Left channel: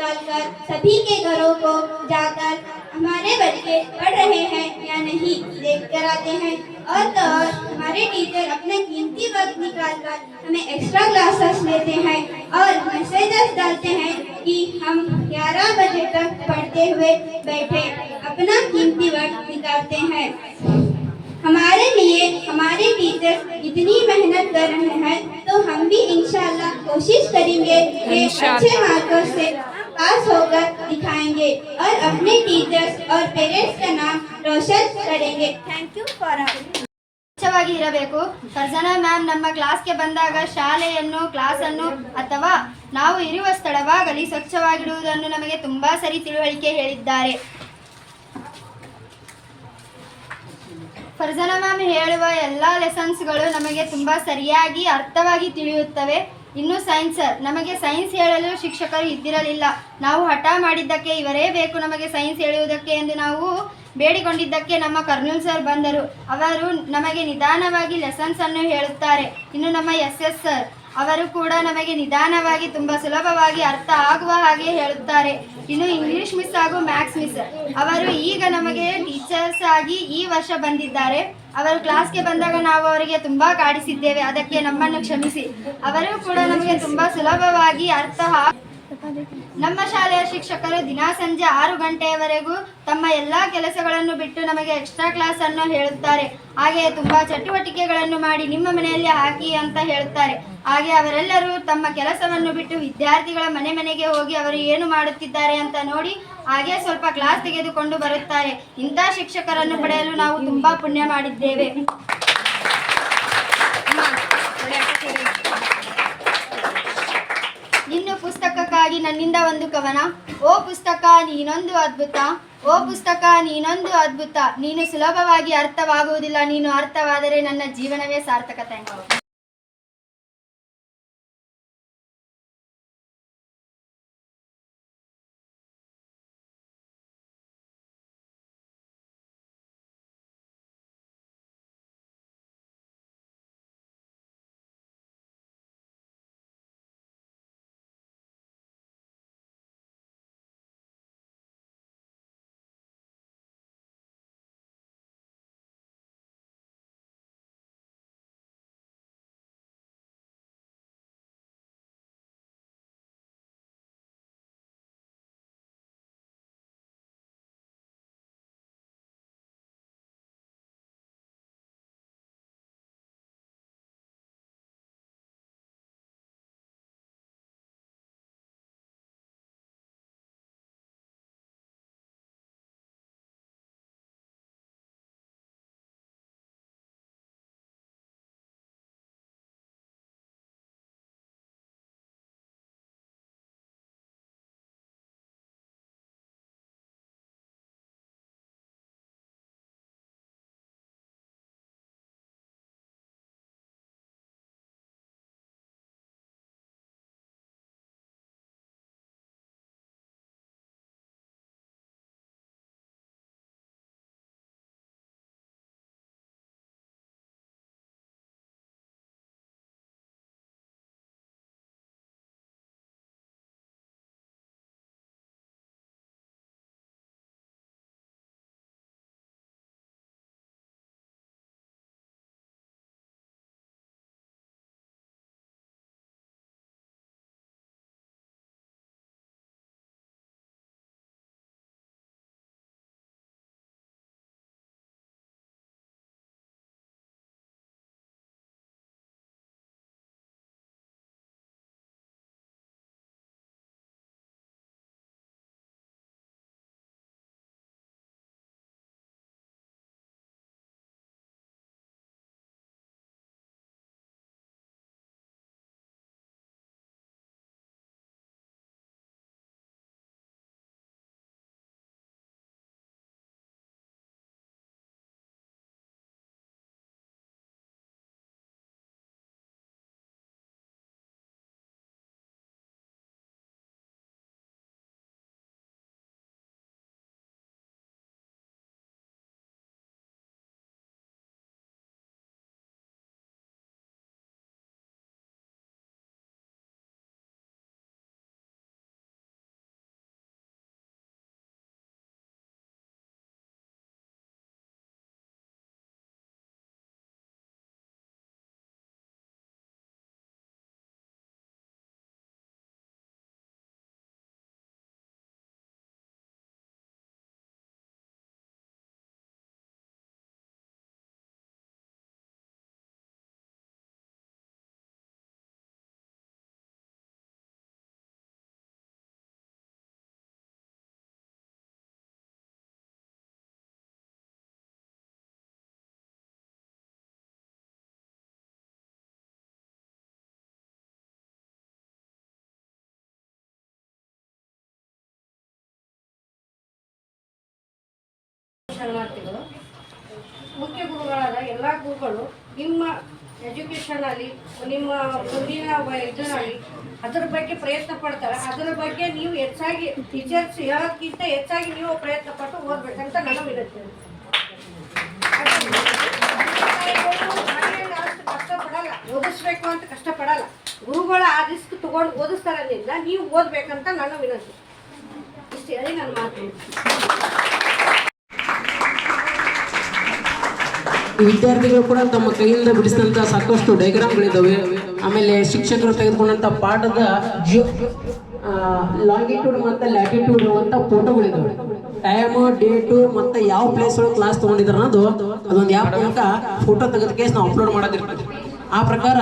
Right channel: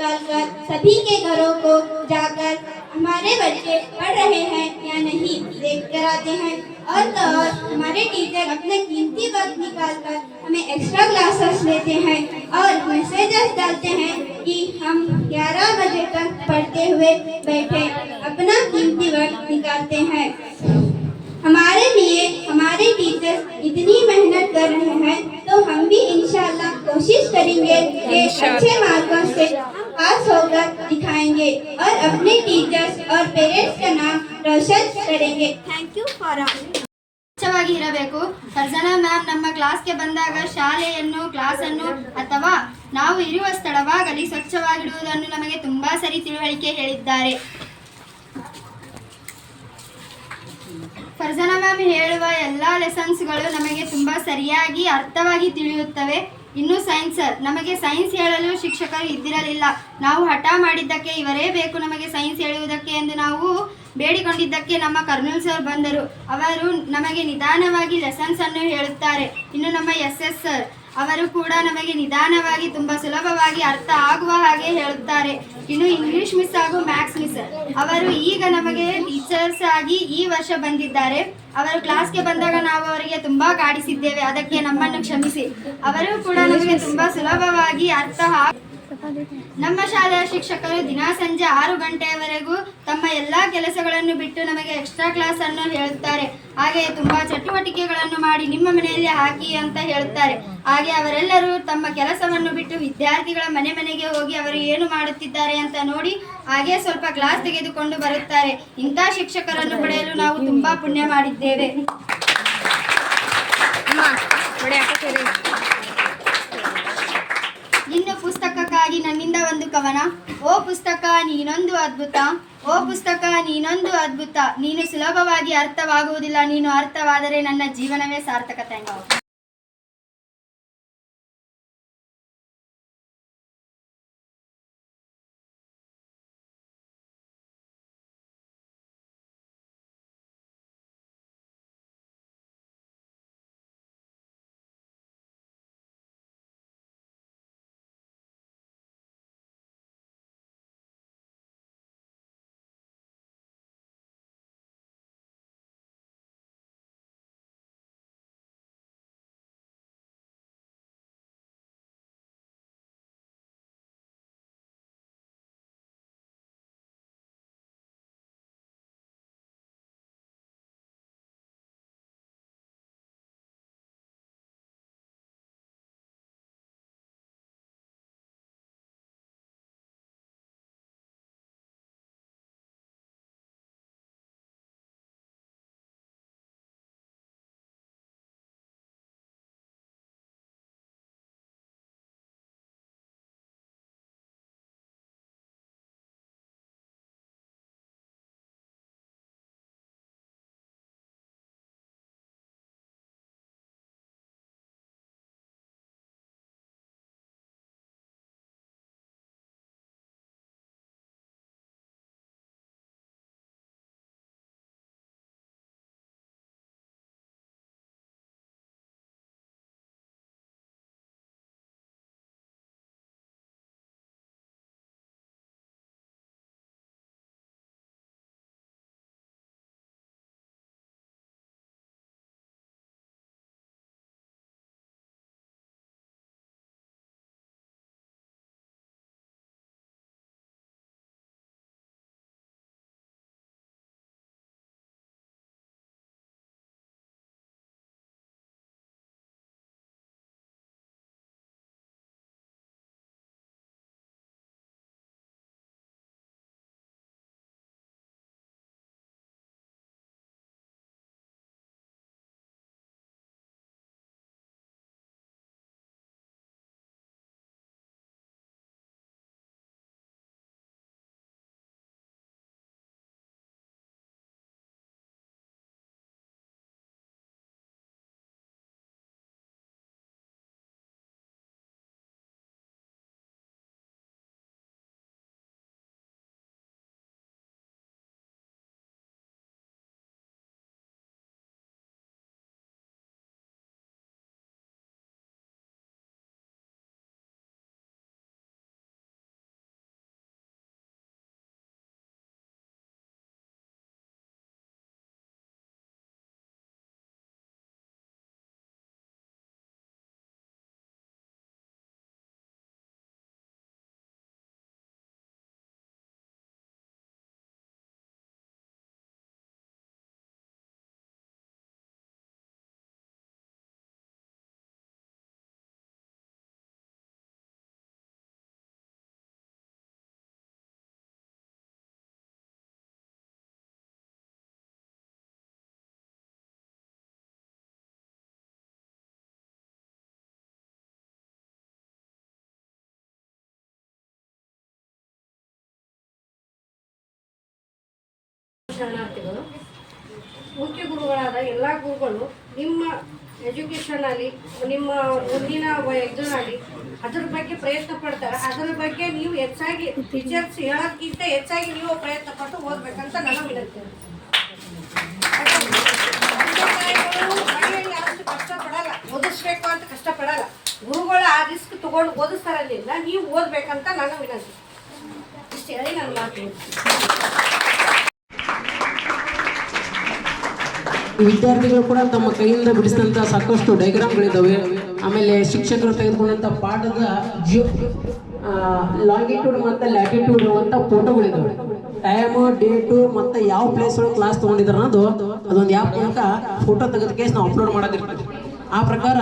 निकालकर सभी के घरों को जाकर हमारे बच्चे पढ़ रहे हैं या नहीं देख कर आते हैं। और तो और हमारे टीचर अपने कीमती वक्त निकालकर हमें एक्स्ट्रा क्लासेस लेते हैं और मैसेजेस डालते हैं कि हम 11 बजे तक पढ़ते हुए बैठे अपना कीमती वक्त निकालते हैं। हमारे लिए हमारे टीचर इतनी मेहनत कर रहे हैं तो हम भी इंशाल्लाह कोशिश करेंगे कि अच्छे मार्कों से पास होकर दिखाएंगे और अपने टीचर्स और पेरेंट्स का नाम रोशन करेंगे। थैंक यू फॉर ಸ್ವಚ್ಛವಾಗಿ ಇರಬೇಕು. ಫರ್ಜಾನಾ ಮ್ಯಾಮ್ ನಮ್ಮ ಕ್ಲಾಸ್ಗೆ ಬಂದಾಗ ಶಾಲೆಯನ್ನು ಕ್ಲಾಸನ್ನು ಅಥವಾ ನಾವು ಇರುವ ಸ್ಥಳವಾಗಲಿ ಸ್ವಚ್ಛವಾಗಿಡುವುದನ್ನು ನಮಗೆ ತುಂಬಾ ಸರಿ ತಿಳುವಳಿಕೆ ಹೇಳಿದ್ದಾರೆ. ಫರ್ಜಾನಾ ಮ್ಯಾಮ್ ಹೇಳುವ ಎಲ್ಲ ಲೆಸನ್ಸ್ಗಳು ನಮಗೆ ತುಂಬ ಸರಿಯಾಗಿ ಅರ್ಥವಾಗಿ ತಿಳಿಯುತ್ತವೆ. ಇನ್ನು ಸೈನ್ಸ್ ಸರ್, ನಮಗೆ ಸೈನ್ಸ್ ಹೇಳಲು ಶಿಕ್ಷಕರು ಇದ್ದಿರಲಿಲ್ಲ. ನಾವು ಹಠ ಮಾಡಿದ್ದಕ್ಕೆ ಇವರೇ ಬೇಕು ನಮಗೆ ಸೈನ್ಸ್ ಹೇಳುವುದಕ್ಕೆ ಎಂದು ನಾವು ಬೇಡಿಕೊಂಡಿದ್ದಕ್ಕೆ ನಮ್ಮ ಕರ್ನೂಲ್ ಸರ್ ಬಂದರು. ಅವರು ನಮಗೆ ನಿಧಾನವಾಗಿ ಲೆಸನ್ಸ್ ಅನ್ನು ಹೇಳುತ್ತಾರೆ. ಇನ್ನು ನಮ್ಮ ಎಸ್ ಸರ್ ಅವರು ಕೂಡ ನಮಗೆ ನಿಧಾನವಾಗಿ ತುಂಬ ಸುಲಭವಾಗಿ ಅರ್ಥ ಆಗುವ ಹಾಗೆ ಹೇಳುತ್ತಾರೆ. ಇನ್ನು ಇಂಗ್ಲಿಷ್ ಮಿಸ್ ಹಾಗೂ ಮ್ಯಾಥ್ಸ್ ಮಿಸ್ ಅವರು ಈಗ ನಮಗೆ ಟೀಚರ್ಸ್ ಆಗಿ ಈ ವರ್ಷ ಬಂದಿದ್ದಾರೆ. ಅವರು ಕ್ಲಾಸ್ಗೆ ಬಂದಾಗ ನಾವು ಅವರಿಗೆ ತುಂಬ ಕಾಡಿಸಿದ್ದೇವೆ, ಅದಕ್ಕೆ ನಮ್ಮನ್ನು ಕ್ಷಮಿಸಿ. ಅವರು ಕೂಡ ನಮಗೆ ತುಂಬ ಸುಲಭವಾಗಿ ನಮ್ಮ ಶಾಲೆಯ ಶಿಕ್ಷಕರು ದಿನ ಸಂಜೆ 6 ಗಂಟೆಯವರೆಗೂ ತಮ್ಮ ಎಲ್ಲ ಕೆಲಸಗಳನ್ನು ಬಿಟ್ಟು ನಮಗೆ ಎಕ್ಸ್ಟ್ರಾ ಕ್ಲಾಸ್ ಅನ್ನು ಹೇಳುತ್ತಾರೆ. ಹಾಗೆ ತುಂಬ ಚಟುವಟಿಕೆಗಳನ್ನು ಮಾಡಿ ನಿಮ್ಮ ಮನೆಯಲ್ಲಿ ಹಾಕಿ ಅಂತ ಹೇಳುತ್ತಾರೆ. ಹಾಗೆ ಅವರೆಲ್ಲರೂ ತಮ್ಮ ಕೆಲಸವನ್ನು ಬಿಟ್ಟು ವಿದ್ಯಾರ್ಥಿಗಳ ಮನೆ ಮನೆಗೆ ಹೋಗಿ ಅವರು ಏನು ಮಾಡುತ್ತಿದ್ದಾರೆ ಅಂತ ನೋಡಿ ಹಾಗೆ ಸ್ವಲ್ಪ ಕ್ಲಾಸ್ ತೆಗೆದುಕೊಂಡು ಬರುತ್ತಾರೆ. ಇಂಥ ಶಿಕ್ಷಕರನ್ನು ಪಡೆಯಲು ನಾವು ತುಂಬಾ ಪುಣ್ಯ ಮಾಡಿದ್ದೇವೆ. ಇನ್ನು ಪುಸ್ತಕಕ್ಕಾಗಿ ನನ್ನಿಂದ ಒಂದು ಕವನ. ಓ ಪುಸ್ತಕ ನೀನೊಂದು ಅದ್ಭುತ, ಓ ಪುಸ್ತಕ ನೀನೊಂದು ಅದ್ಭುತ, ನೀನು ಸುಲಭವಾಗಿ ಅರ್ಥವಾಗುವುದಿಲ್ಲ, ನೀನು ಅರ್ಥವಾದರೆ ನನ್ನ ಜೀವನವೇ ಸಾರ್ಥಕತೆ. ಶರಣಾರ್ಥಿಗಳು. ಮುಖ್ಯ ಗುರುಗಳಾದ ಎಲ್ಲ ಗುರುಗಳು ನಿಮ್ಮ ಎಜುಕೇಷನಲ್ಲಿ ನಿಮ್ಮ ಮುಂದಿನ ಇದರಲ್ಲಿ ಅದರ ಬಗ್ಗೆ ಪ್ರಯತ್ನ ಪಡ್ತಾರೆ. ಅದರ ಬಗ್ಗೆ ನೀವು ಹೆಚ್ಚಾಗಿ ಟೀಚರ್ಸ್ ಹೇಳೋದಕ್ಕಿಂತ ಹೆಚ್ಚಾಗಿ ನೀವು ಪ್ರಯತ್ನ ಪಟ್ಟು ಓದಬೇಕಂತ ನನ್ನ ವಿನಂತಿ. ಮನೆಯಲ್ಲಿ ಅಷ್ಟು ಕಷ್ಟಪಡಲ್ಲ, ಓದಿಸ್ಬೇಕು ಅಂತ ಕಷ್ಟಪಡಲ್ಲ. ಗುರುಗಳು ಆ ರಿಸ್ಕ್ ತಗೊಂಡು ಓದಿಸ್ತಾರಲ್ಲಿಂದ ನೀವು ಓದಬೇಕಂತ ನನ್ನ ವಿನಂತಿ. ಇಷ್ಟು ಹೇಳಿ ನಾನು ಮಾತು. ವಿದ್ಯಾರ್ಥಿಗಳು ಕೂಡ ತಮ್ಮ ಕೈಯಿಂದ ಬಿಡಿಸಿದಂಥ ಸಾಕಷ್ಟು ಡಯಾಗ್ರಾಮ್ಗಳಿದ್ದಾವೆ. ಆಮೇಲೆ ಶಿಕ್ಷಕರು ತೆಗೆದುಕೊಂಡಂಥ ಪಾಠದ ಲಾಂಗಿಟ್ಯೂಡ್ ಮತ್ತು ಲ್ಯಾಟಿಟ್ಯೂಡ್ ಇರುವಂಥ ಫೋಟೋಗಳಿದ್ದಾವೆ. ಟೈಮು, ಡೇಟು ಮತ್ತು ಯಾವ ಪ್ಲೇಸ್ ಒಳಗೆ ಕ್ಲಾಸ್ ತೊಗೊಂಡಿದ್ದಾರೆ ಅನ್ನೋದು ಅದೊಂದು ಆ್ಯಪ್ ಮೂಲಕ ಫೋಟೋ ತೆಗೆದಕ್ಕೆ ನಾವು ಅಪ್ಲೋಡ್ ಮಾಡೋದಿರ್ತದೆ. ಆ ಪ್ರಕಾರ